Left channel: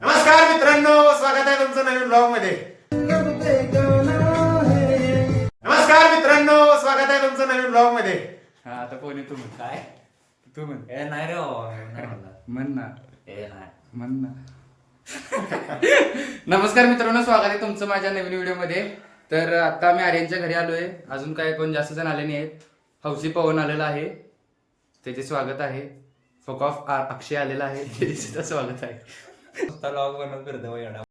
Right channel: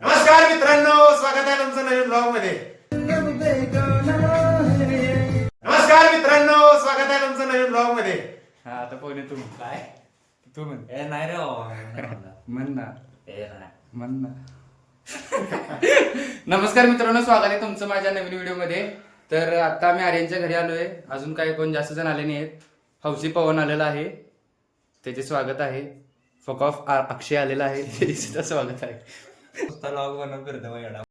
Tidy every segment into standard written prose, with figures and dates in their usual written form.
नमस्कार मित्रांनो, स्वागत आहे तुमचं नवीन ब्लॉग मध्ये. नमस्कार मित्रांनो, स्वागत आहे तुमचं नवीन ब्लॉग मध्ये. हा आता पोहणे तू म्हण. काय तू म्हण. ए नाही रे म्हण ना. ए नाही म्हण ना. नमस्कार मित्रांनो, स्वागत आहे तुमचं माझ्या नवीन व्हिडिओ मध्ये. तर आता आम्ही आर्यनच्या घरी आलोय. अजून काही कोण जास्त जण आले नाही आहेत. हौसी पवन आलेला आहे, त्याचे स्वागत आहे. फक ऑफ अक्षय आलेला आहे, त्याचं स्वागत आहे. लॉग बनवून करतो एवढा.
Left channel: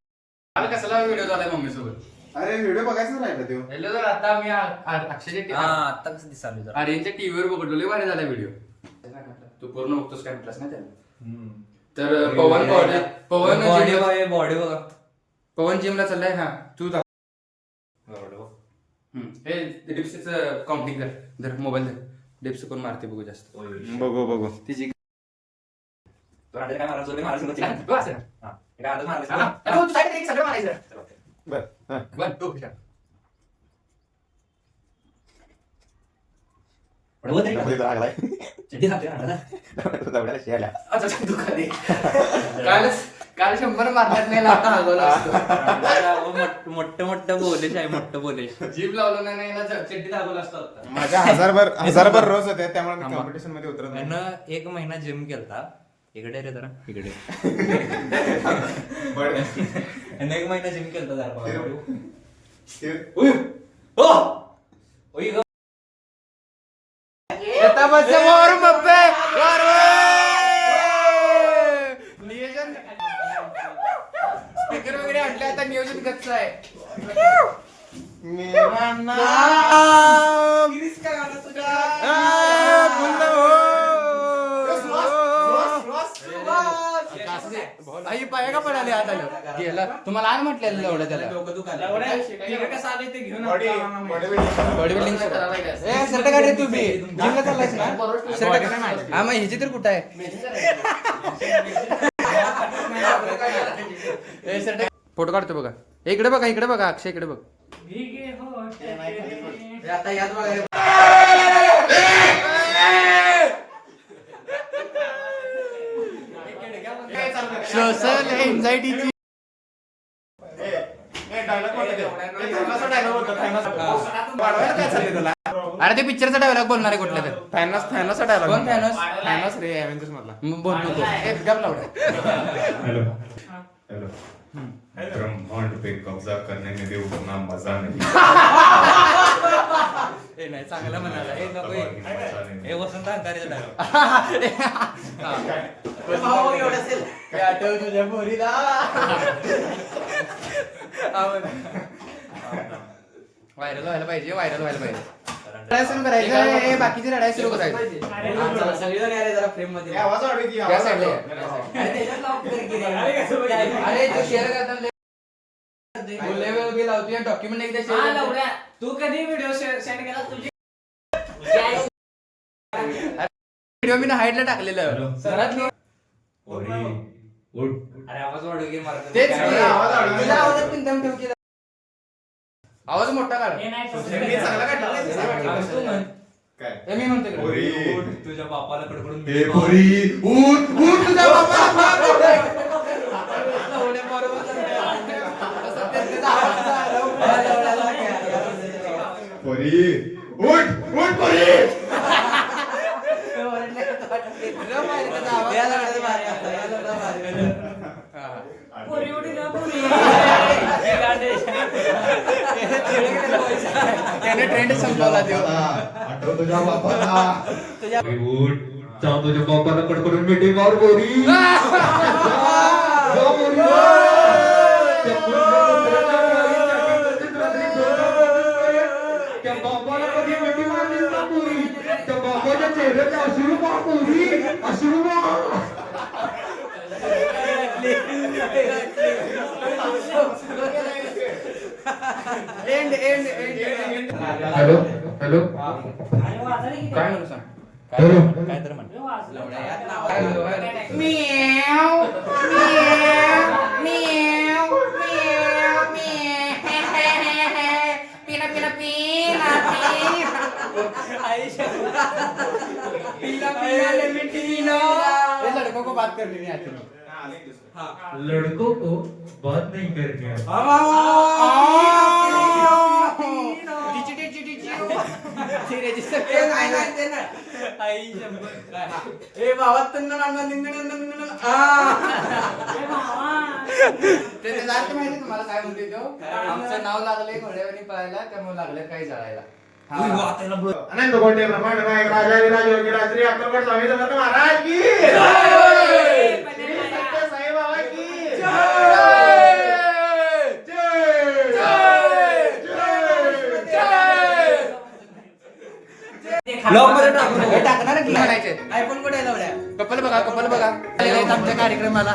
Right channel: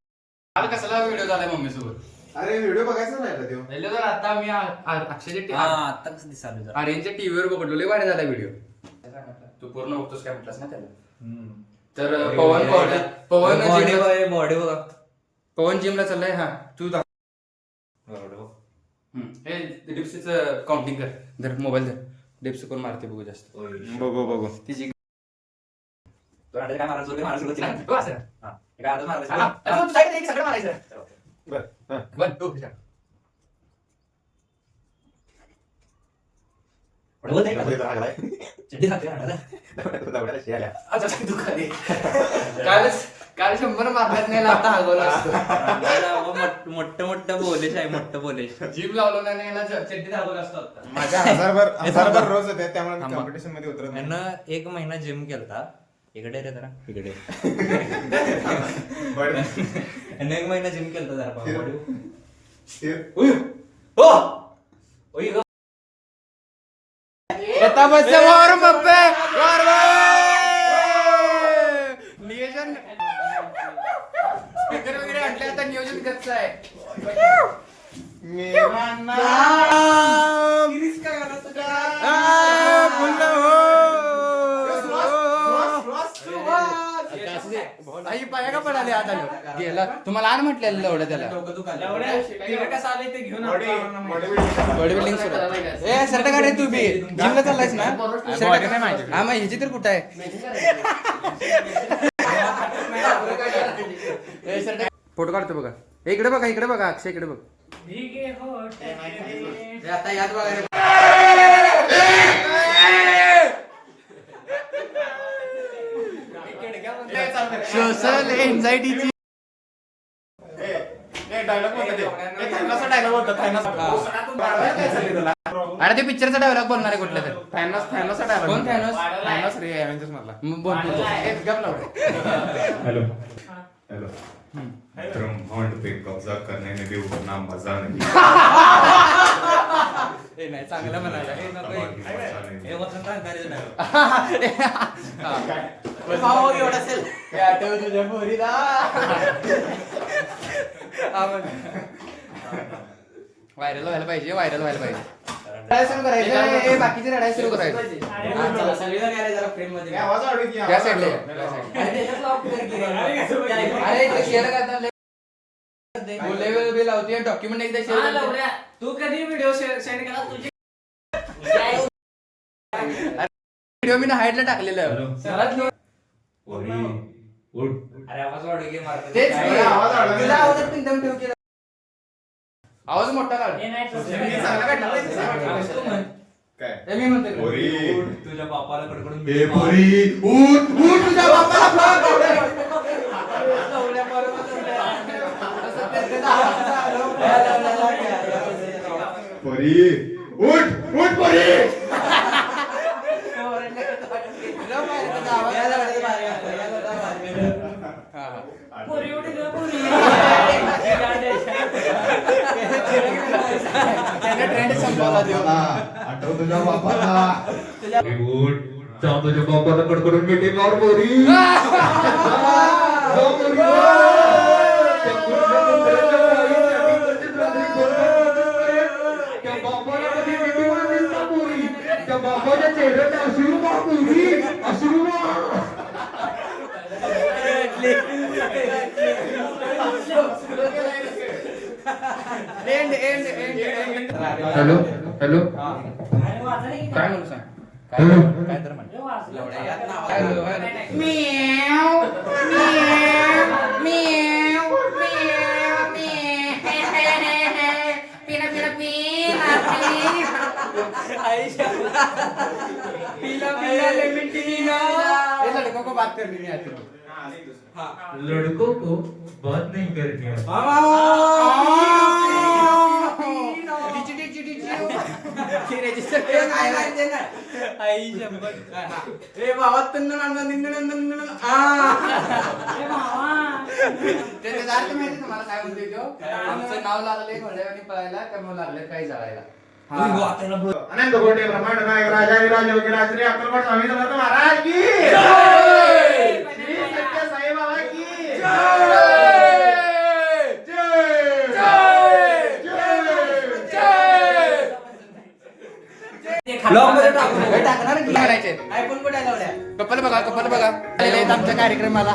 काल कसला व्हिडिओ झालाय मम्मी सोबत. अरे व्हिडिओ बघायचं राहिला तो. पहिलं तर आता मी अक्षयच्या आता कसं दिसाल जरा आर्यनच्या टीव्हीवर बघलो, लय भारी झाला व्हिडिओ. तू पूर्ण बघतोस काय म्हटलास ना त्याला. तर पवन पवन बॉडी बघा. पवन जिमला चाललाय. हा तू हे डिप्सचं काउंटिंग कर. धर मोबाईल धर. डिप्स कोण मारते बघू जास्त. बघू तिची काय मारायचं काल 100 मारण्यात नाही आता मोठं बोलेश आहे. मोठं बोलेश जीम लावलं नाही याला चड्डी दाखवलं असतो आता. माझ्या हजारभर रोज होते, त्यामुळे कॉम्पिटिशन मध्ये उतरत नाही. त्यानं 1 महिना जिम केलता. इकडे रे जरा इकडे. यानं 1 महिना जिम केलता जरा. नियोजन स्पीकर वगैरे आणले, आता नियोजन कसं आहे. आई पाया का पडाले आत आलो गेला. तुम्हाला आण म्हटलेलं एवढं त्याला. बॉडी बिल्डिंग शर्ट काढ रे. तू बी जिमला चाललायस ना. शर्ट हा मग ह्याची तर कुठं आहे. फोटो काढतो बघा. इकडे बघा, इकडे बघा. अक्षय इकडे बघ. आता यात बघा. सोशल एन्झायटीची अरे ते पिक्चरचा डायलॉग बोलणार आहे कुठला तर. फॅनोसचा डायलॉग. कोण फॅनोस रे एव्हेंजर्स मधला. बोल नको एकदम लावडे. Hello hello. ब्रह्मांड पे कब्जा करने में देव का नाम मजा नहीं. हे नाही चांगलं म्हणाला. आठव तुझ्या पोरीला. व्हायरल व्हायला पाहिजे. व्हायरल व्हायला पाहिजे. रडायला सुरू करायचं. बाकीचे रडायला सुरू करायचं. अरे शेअर करतात. लावते डॉक्युमेंट एकदा शेअर. तू कधी व्हिडिओ सेंड केला तुझी व्हिडिओ मी हाईटला टाकलेलं. तेच आवाज मोठा काढ. मी म्हणतो तुझ्या बापाला कडकडून तुझ्या बापाला परी उठ उठ परी. ट्रेंड संपवला. आठव तुझ्या बापाला. उठ जाऊ तुझ्या बापाला कडकडून मीटिंग आवर पोरी. त्या बापाला कधी मिठी मारलीस ना पोरी. त्या बापाच्या चेहऱ्याचे अश्रू मार पोरी. अश्रू मार. Hello hello. काय म्हणू सांग. काय तर म्हण. Hello hello. म्याव म्याव म्याव म्याव म्याव. पिना पिना पी. पीला पीला लेमन टी पीला। ये लड़कों को बात करनी नहीं आती। लड़कों को बात नहीं करनी है। त्याचा अर्थ माहिती तुम्हाला काय म्हणते तो? आमचं नाव लागलंय घोड्यावानी पळायला त्यामुळे लागलं काही जाळायला. अनंत कोटे ब्रह्मांड नायक राजा विराज योगीराज श्री अक्कलकोट स्वामी समर्थ महाराज की श्री सत्य साई बाबा की टाकणार म्हणायचे. आयफोन कुठे आहे लावल्या? कपल बघा कपल बघा आमच्या कार्यक्रमाला.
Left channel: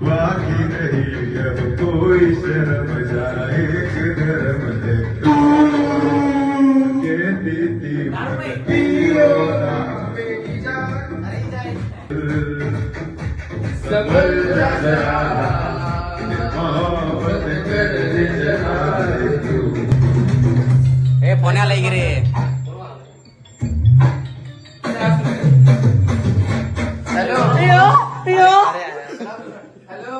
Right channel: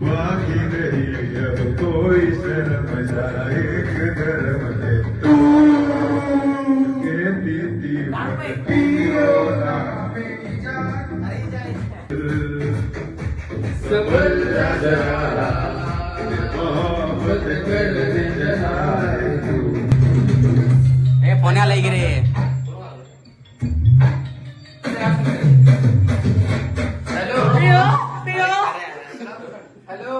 बाकी नहीं अब कोई शर्म जाए धर्म है तू कहती थी पीरो ना मेरी जान संभल जा जरा मोहब्बत कर दे जरा तू ए पुण्याला रे. हॅलो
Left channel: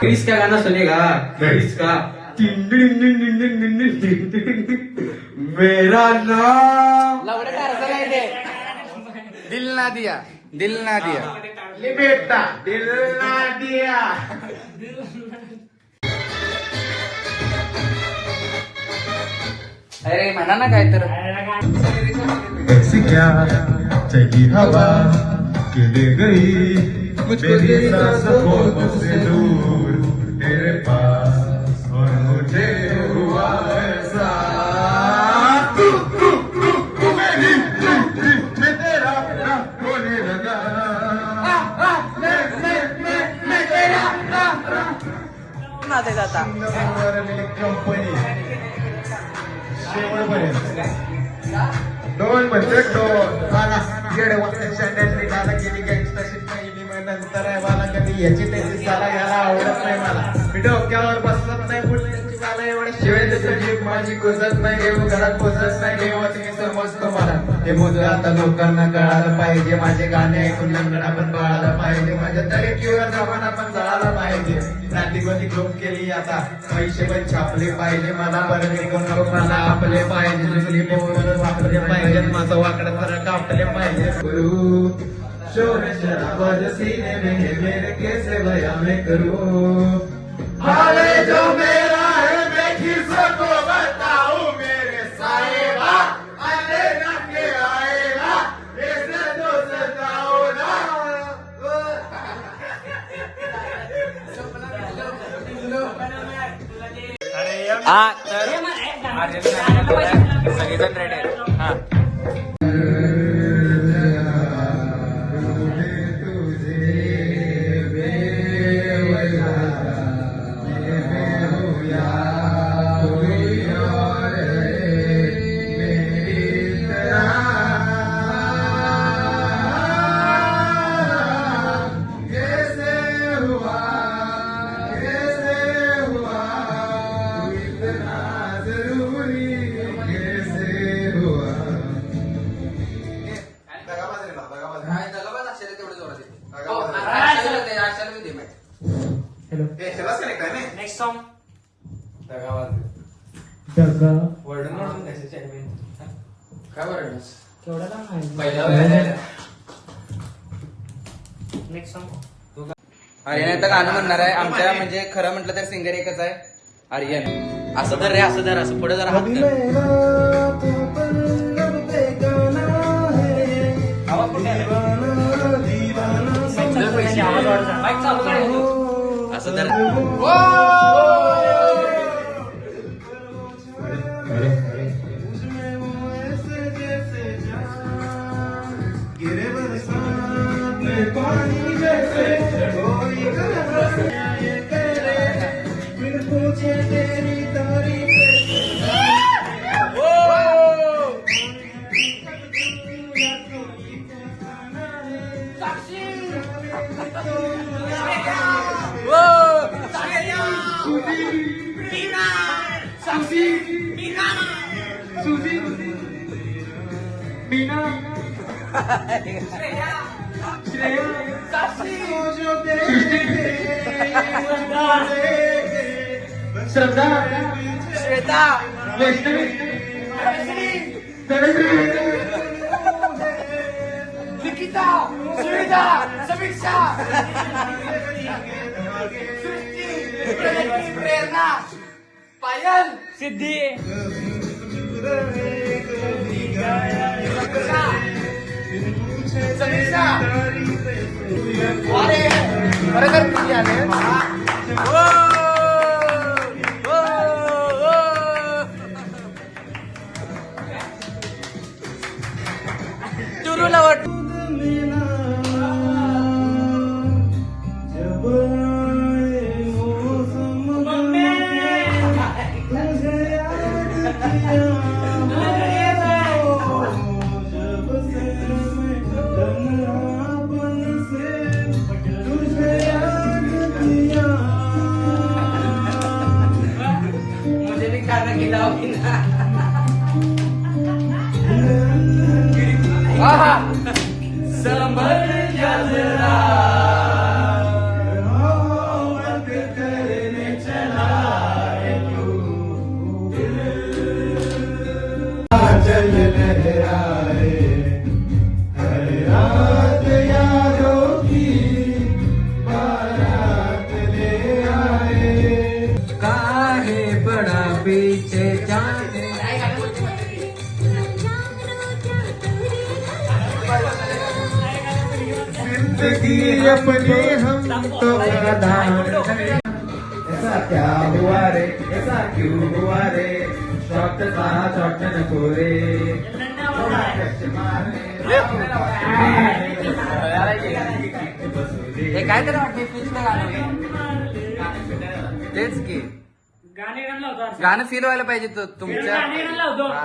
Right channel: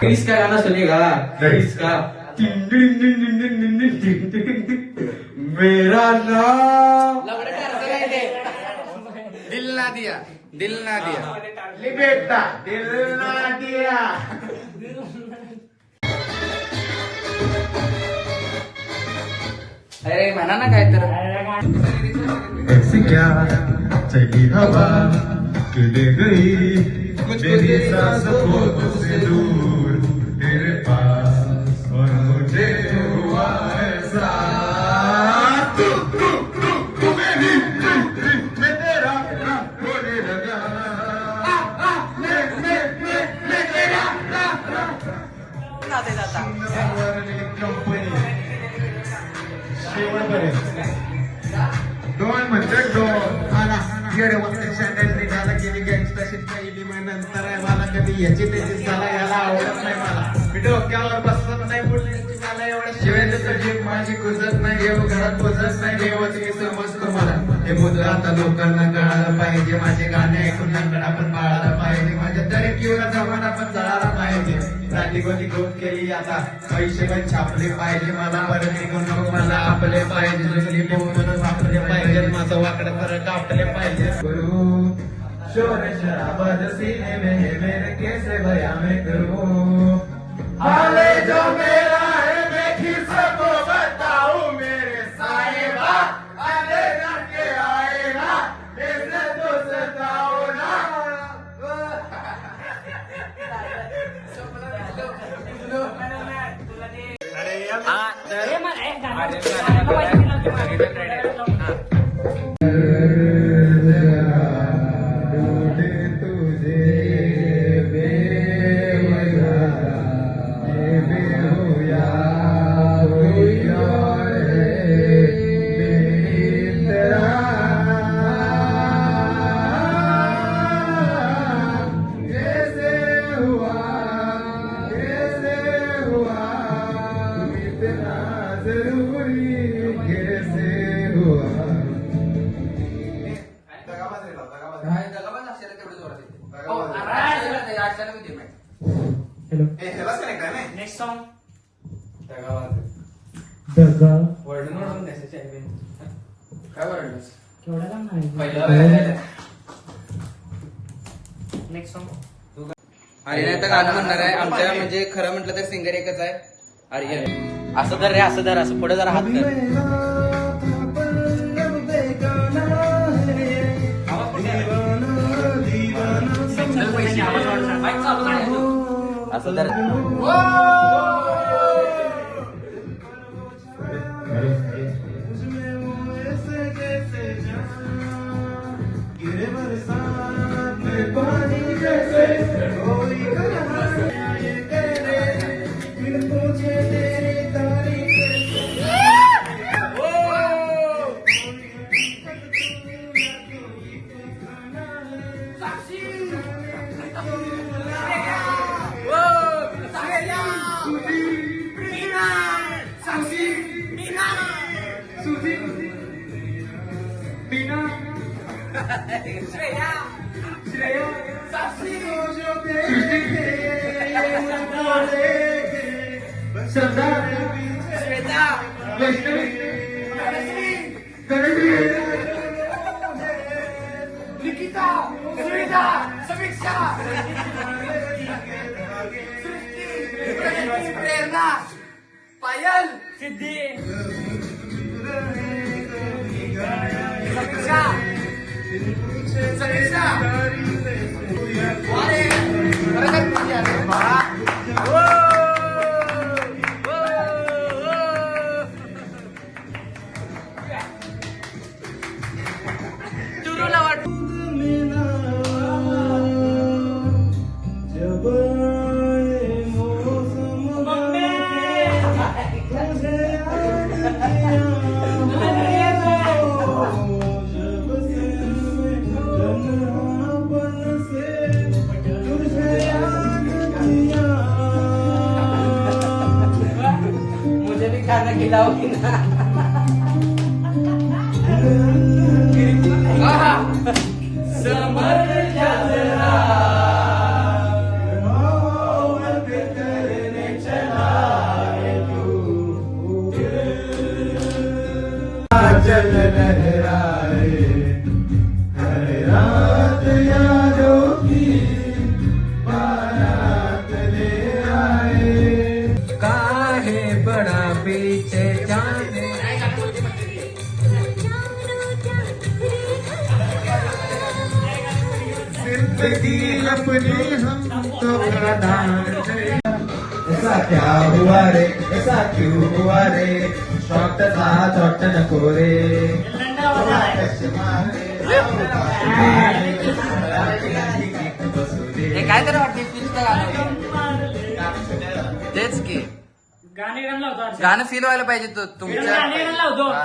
क्रिस का गाना सुनेगा क्रिस का मेरा नाम दिल ना दिया दिल ना दिया. बेटा दिल ना दिया अरे म्हणा ना काय तर. ऐसी क्या चली हवा कि ले गई मेरी सांसों से दूर मेरे पास और मुझे हुआ ऐसा मैं तेरा होने लगा मैं तेरा कंपनी दोन म्हणजे दोन येडे वाटतं गाला गेली एक्सप्रेशन केली मग नंतर आहे मला कधी याची टेस्ट मला यायला आवडत नाही मला मी डोक्यावर बसलं नाही शेवट माझी कुसत नाही घेऊन घरात पोचत नाही देवत मी समजतो मला हे बोल आता लोकांना कळायला पाहिजे माझे गाणे ऐकून लंगड आपण कळायला पाहिजे माझ्या तरी किंवा जमान आपण जळायला पाहिजे प्रातिकोनी ग्रोथ केली आता आयुष्य पण छापले पाहिजे मला परत निघून नको मला आपले पाहिजे निघून आपले पाहिजे माझं वाकडं खरं कापले पाहिजे शोर शराबाज सीने में मेरे कैसे बया मैं करूं हाले जो मेरा है मैं किसको बताऊं मेरे साहिबा आले ना के आए ना ऐसे तो सताओ ना नेक्स्ट सॉन्ग. काय बरं केवढा काम नाही. पहिला नेक्स्ट सॉन्ग. आर्यन आता गाणं म्हणणार आहे. आमच्या म्हणजे खरं म्हटलं तर सिंगर एकच आहे आर्यन. असं धर रे, असं धर, असं पुढे जरा हात कर. असं धर. श्रद्धा वैष्णवी गणश्री निकिता सुनीता समीक्षा प्रेरणा पायल सिद्धी चल लहराए हर रात यादों की बारात ले आए काहे बड़ा पीछे जाने जिंदगी अपने हम तो प्रदान करें। ऐसा क्या हुआ रे ऐसा क्यों हुआ रे शॉट था शॉट नको रे हे काय तर फिल्मचं गाणं होतं. तेच की गाणं फील व्हायला पाहिजे तुमच्या हा.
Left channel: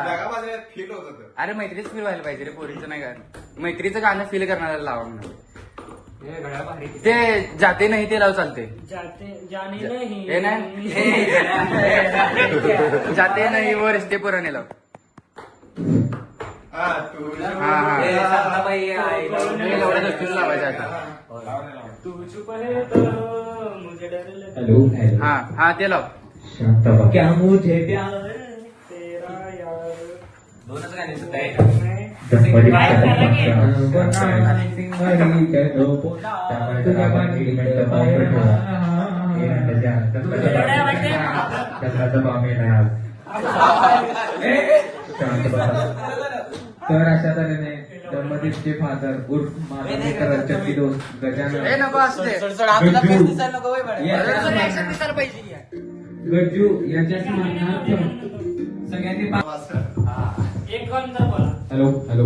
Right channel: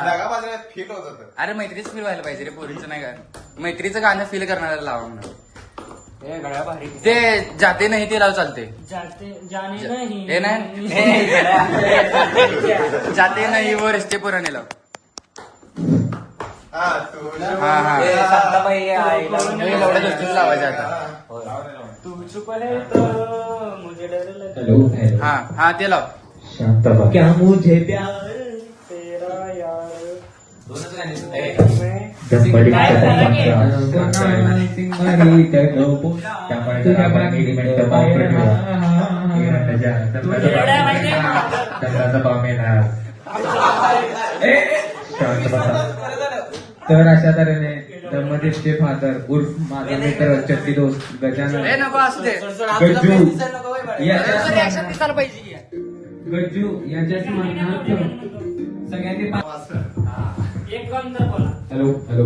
अरे मैत्रीच फील व्हायला पाहिजे रे पोरीचं नाही गाणं मैत्रीचं गाणं फील करणाऱ्याला लावा म्हणून ते जाते नाही ते लाव चालते हे नाही जाते नाही वो रिश्ते पुराने लाव हा हा हे एवढ्या गोष्टी लावायच्या आता हेलो हा हा ते लाव क्या मुझे प्यार तर अशा तऱ्हेने धर्मदेवचे फादर उर्फ माझा मित्र चट्टी दोस्त गजानन हे नको असू दे गज्जू याच्या स्मरणार्थ सगळ्यांनी हॅलो हॅलो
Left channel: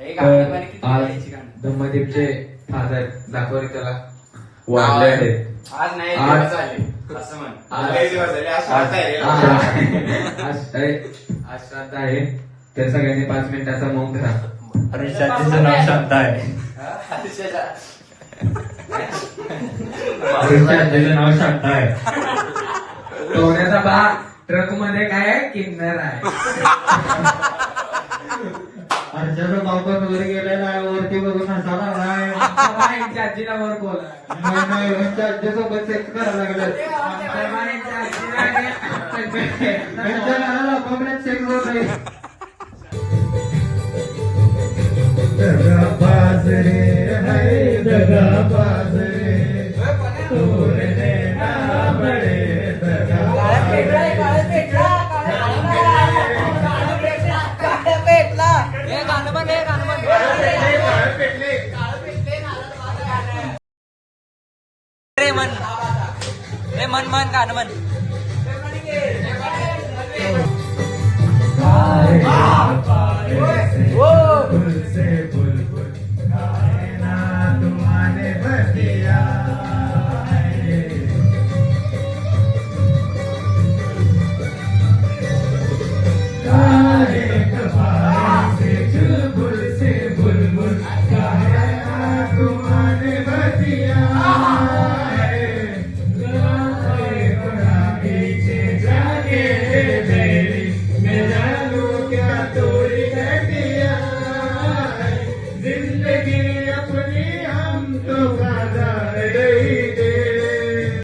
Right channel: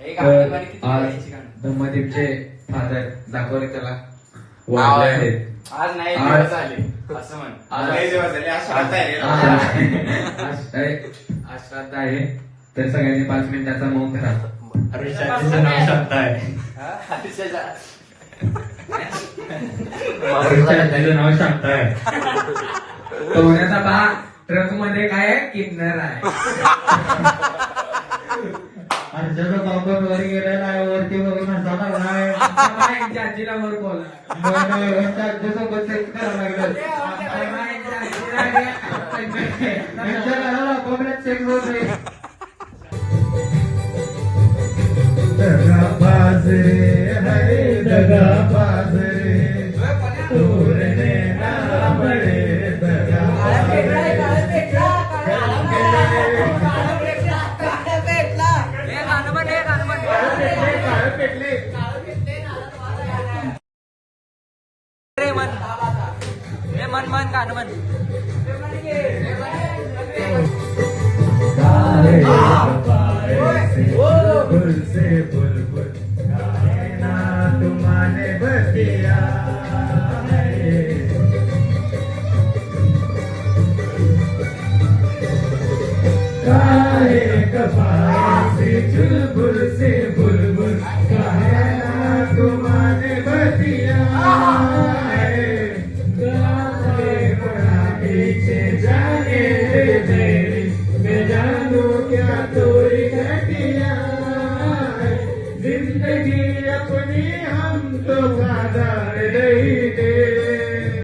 तर आज धम्मदेवचे फादर दाखवले त्याला वाढले आहेत. आज नाही आज- असं म्हण आज श्राद्ध आहे तर सगळ्यांनी 5 मिनिटाचा मौन धरा. पोहण्याचा बा ट्रक मध्ये काय आहे किन्नर आहे. अर्जाचा बाबा वर गेलेला आहे वरती बघून आजीला वर बोला आजीसोबत सेक्स करायला लागलं सेक्स होत नाही. दगाबाज रे है दगाबाज रे तोरने ना बड़े दगाबाज मन मन गाणं म्हण से बुलबुल गाए ना तुम्हारे बतिया चोरी